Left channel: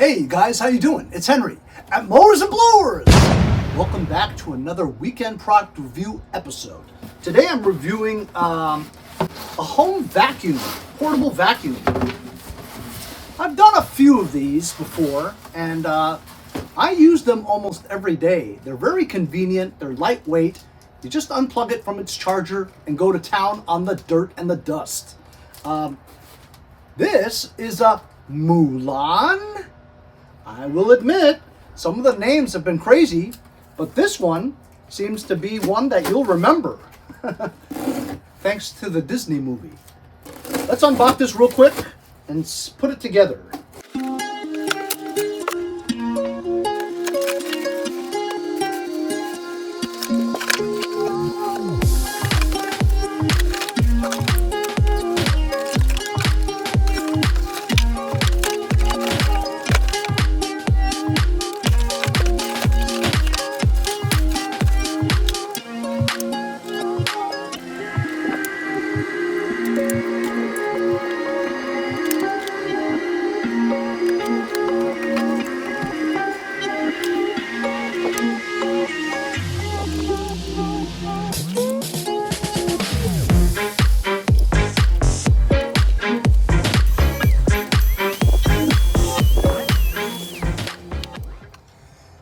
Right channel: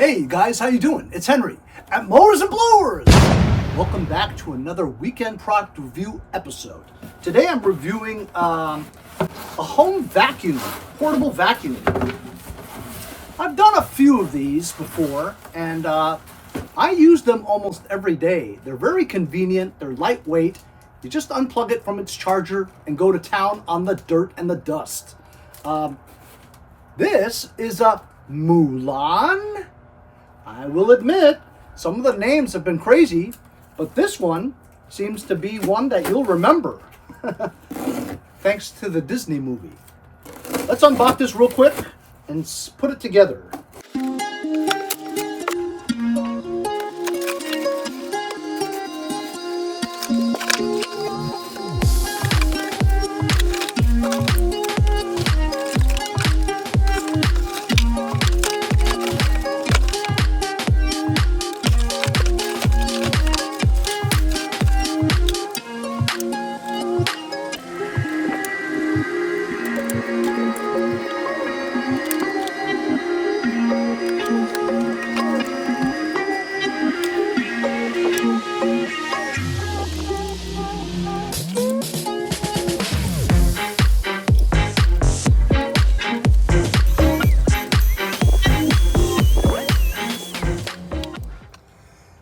Hey guys, how you doing? It's Henry at Mowers and Blowers. Welcome back to another weekend product review episode. Today I'm reviewing a home vacuum, portable vacuum. I've done a few of these before, and I use them almost every day. They're very convenient, they're lightweight. You just unplug it from its charger and go to town on the dirt and the dust. This is a Moolan. I will admit, some of the names have been crazy, but this one seems to be one that you'll remember. Thanks to the Disney movie. Let's unbox this real quick and put it together.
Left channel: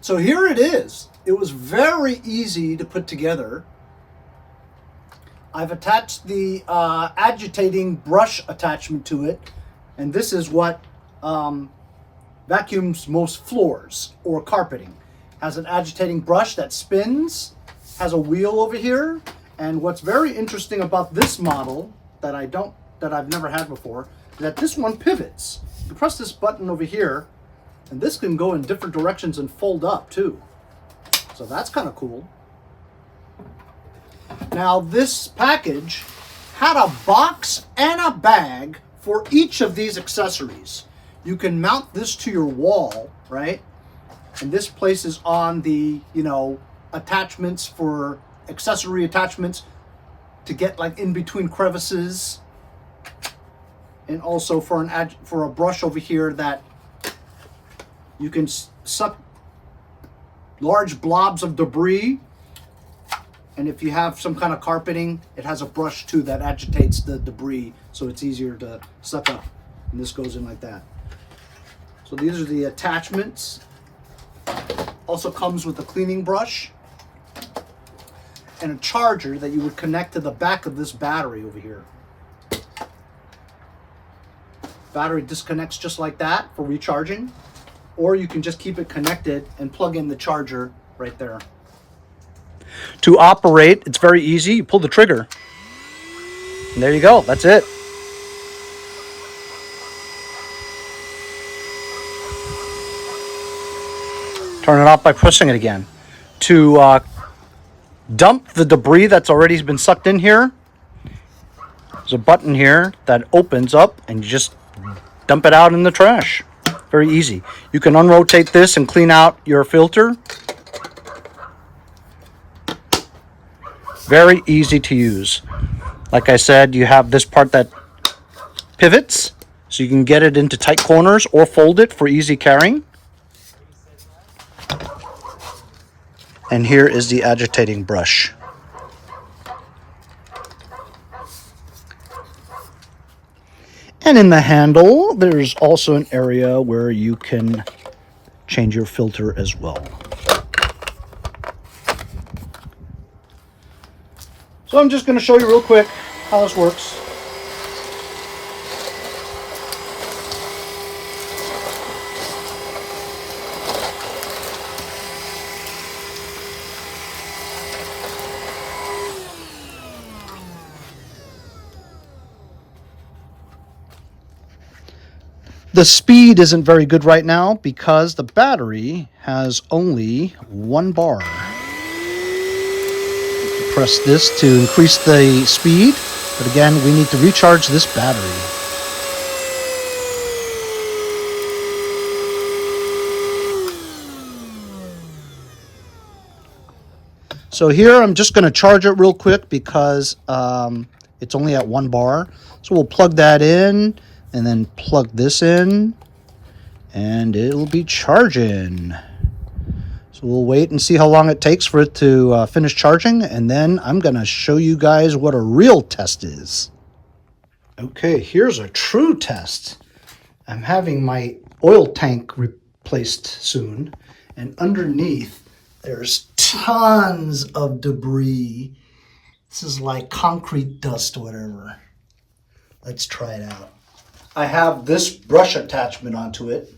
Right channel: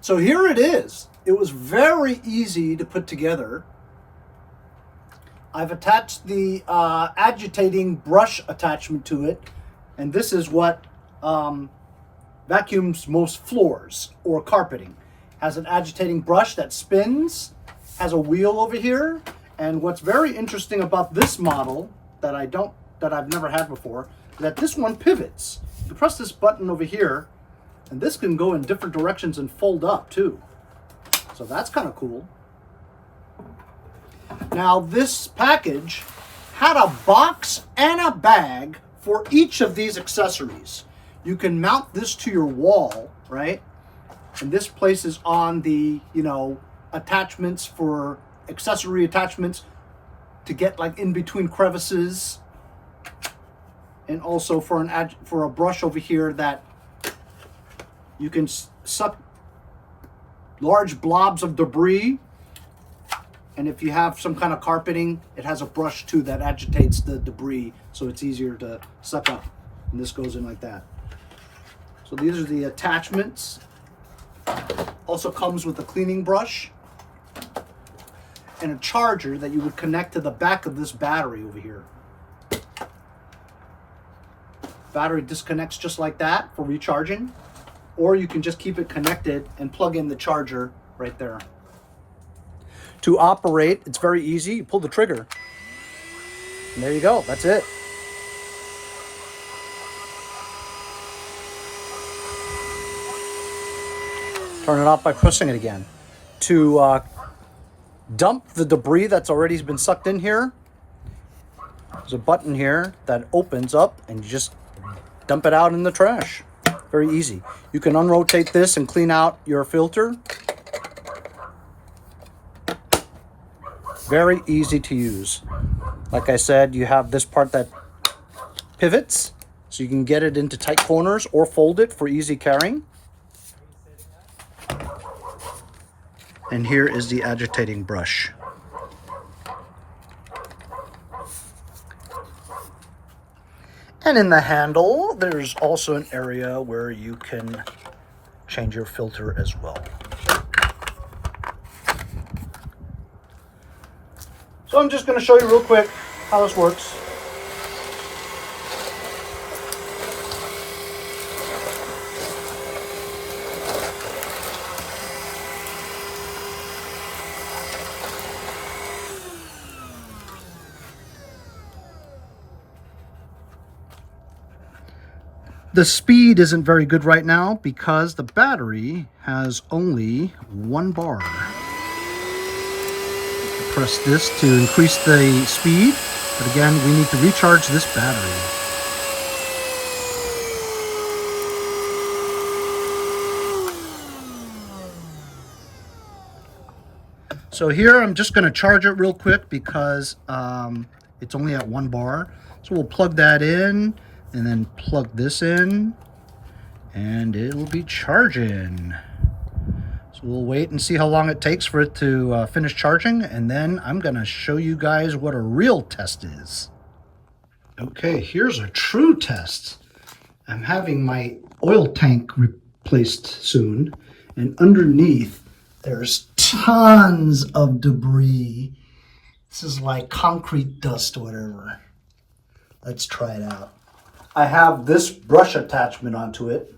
So here it is. It was very easy to put together. I've attached the agitating brush attachment to it, and this is what vacuums most floors or carpeting. Has an agitating brush that spins, has a wheel over here, and what's very interesting about this model that I've never had before is that this one pivots. You press this button over here, and this can go in different directions and fold up too. So that's kind of cool. Now this package had a box and a bag for each of these accessories. You can mount this to your wall, right? And this places on the, attachments for accessory attachments to get like in between crevices. And also for a brush over here that you can suck large blobs of debris. And if you have some kind of carpeting, it has a brush too that agitates the debris, so it's easier to suck up. And this goes in like that. So these are the attachments. Also comes with a cleaning brush and a charger that you would connect to the back of this battery over here. Battery disconnects just like that for recharging. Or you can just keep it connected and plug in the charger right there. To operate, it's very easy. You pull the trigger. And there you go. That's it. Turn it off by pressing it again. To dump the debris that's already been sucked in here, there's a button here that opens up and you just dump it out in the trash. Very easy. You can unrotate this and clean out your filter. Very easy to use. Like I said, you have this part that pivots, so you can get it into tight corners or fold it for easy carrying. And here is the agitating brush. And in the handle, there's also an area where you can change your filter as well. So I'm just going to show you real quick how this works. The speed isn't very good right now because the battery has only 1 bar. Press this to increase the speed, but again, we need to recharge this battery. So here I'm just going to charge it real quick because it's only at 1 bar. So we'll plug that in and then plug this in and it'll be charging. So we'll wait and see how long it takes for it to finish charging, and then I'm gonna show you guys what a real test is. Okay, here's a true test. I'm having my oil tank replaced soon, and underneath there's tons of debris. This is like concrete dust or whatever. Let's try it out. I have this brush attachment onto it.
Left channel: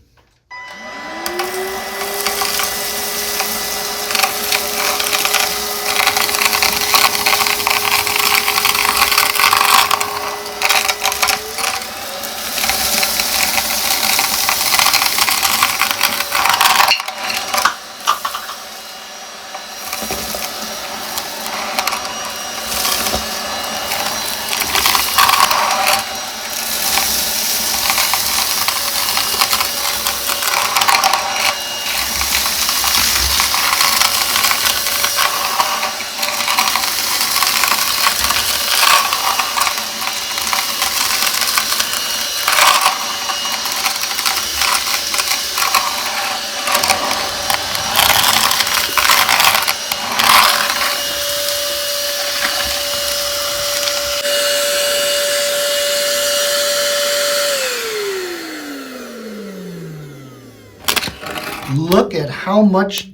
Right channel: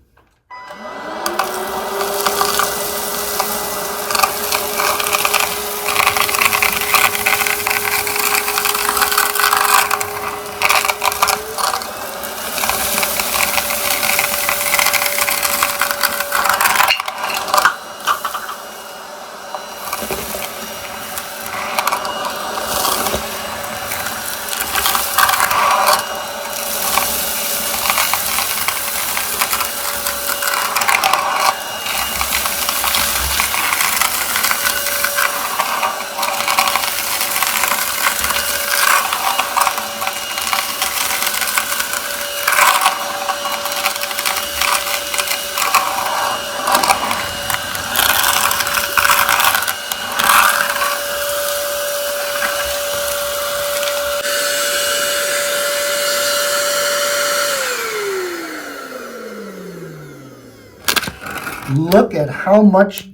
Look at how much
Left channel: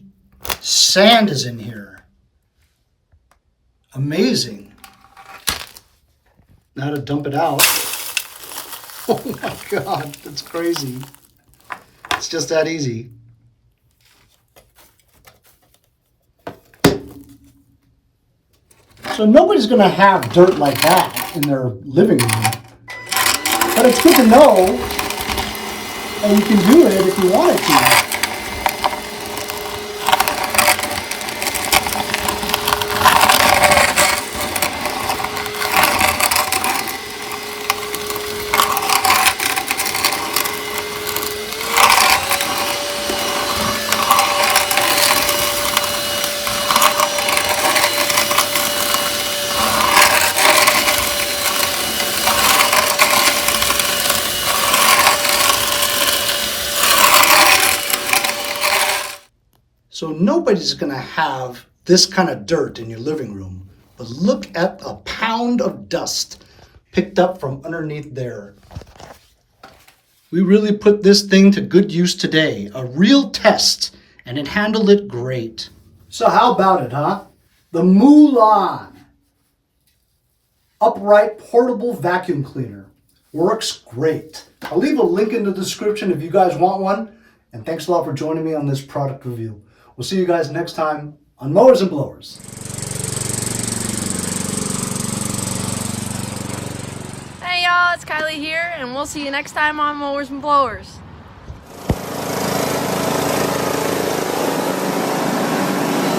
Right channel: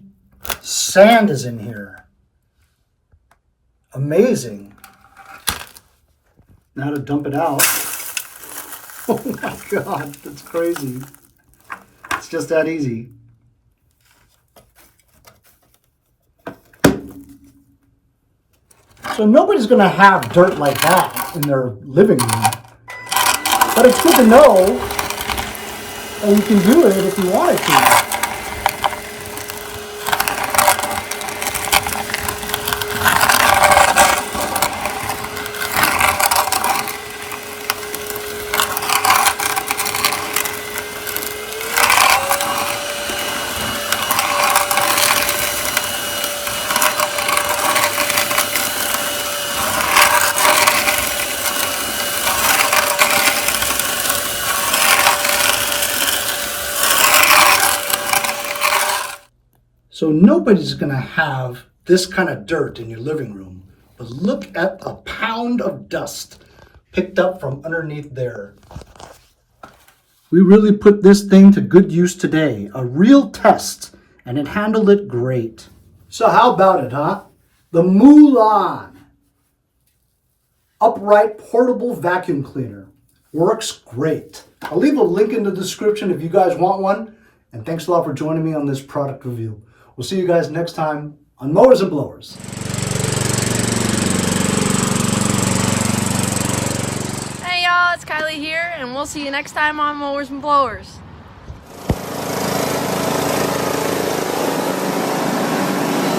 sand is in here. Amazing. Now to dump it out. Oh my God, that's crazy. It's just that easy. So nobody's gonna have dirt like that in their living room. But it's good to know, and you can do it if you wanted to. So nobody's gonna have this kind of dirt in your living room, but look at a pound of dust picked up from underneath there. We really put this thing to good use today, a real test, and it handled it great. So how about it, huh? The Moolan upright portable vacuum cleaner works great. I'll leave a link in the description if you guys want one, and thanks a lot for joining me on this product review. We'll see you guys next time on Mowers and Blowers. Hey y'all, it's Kylie here, and we'll see you next time on Mowers and Blowers.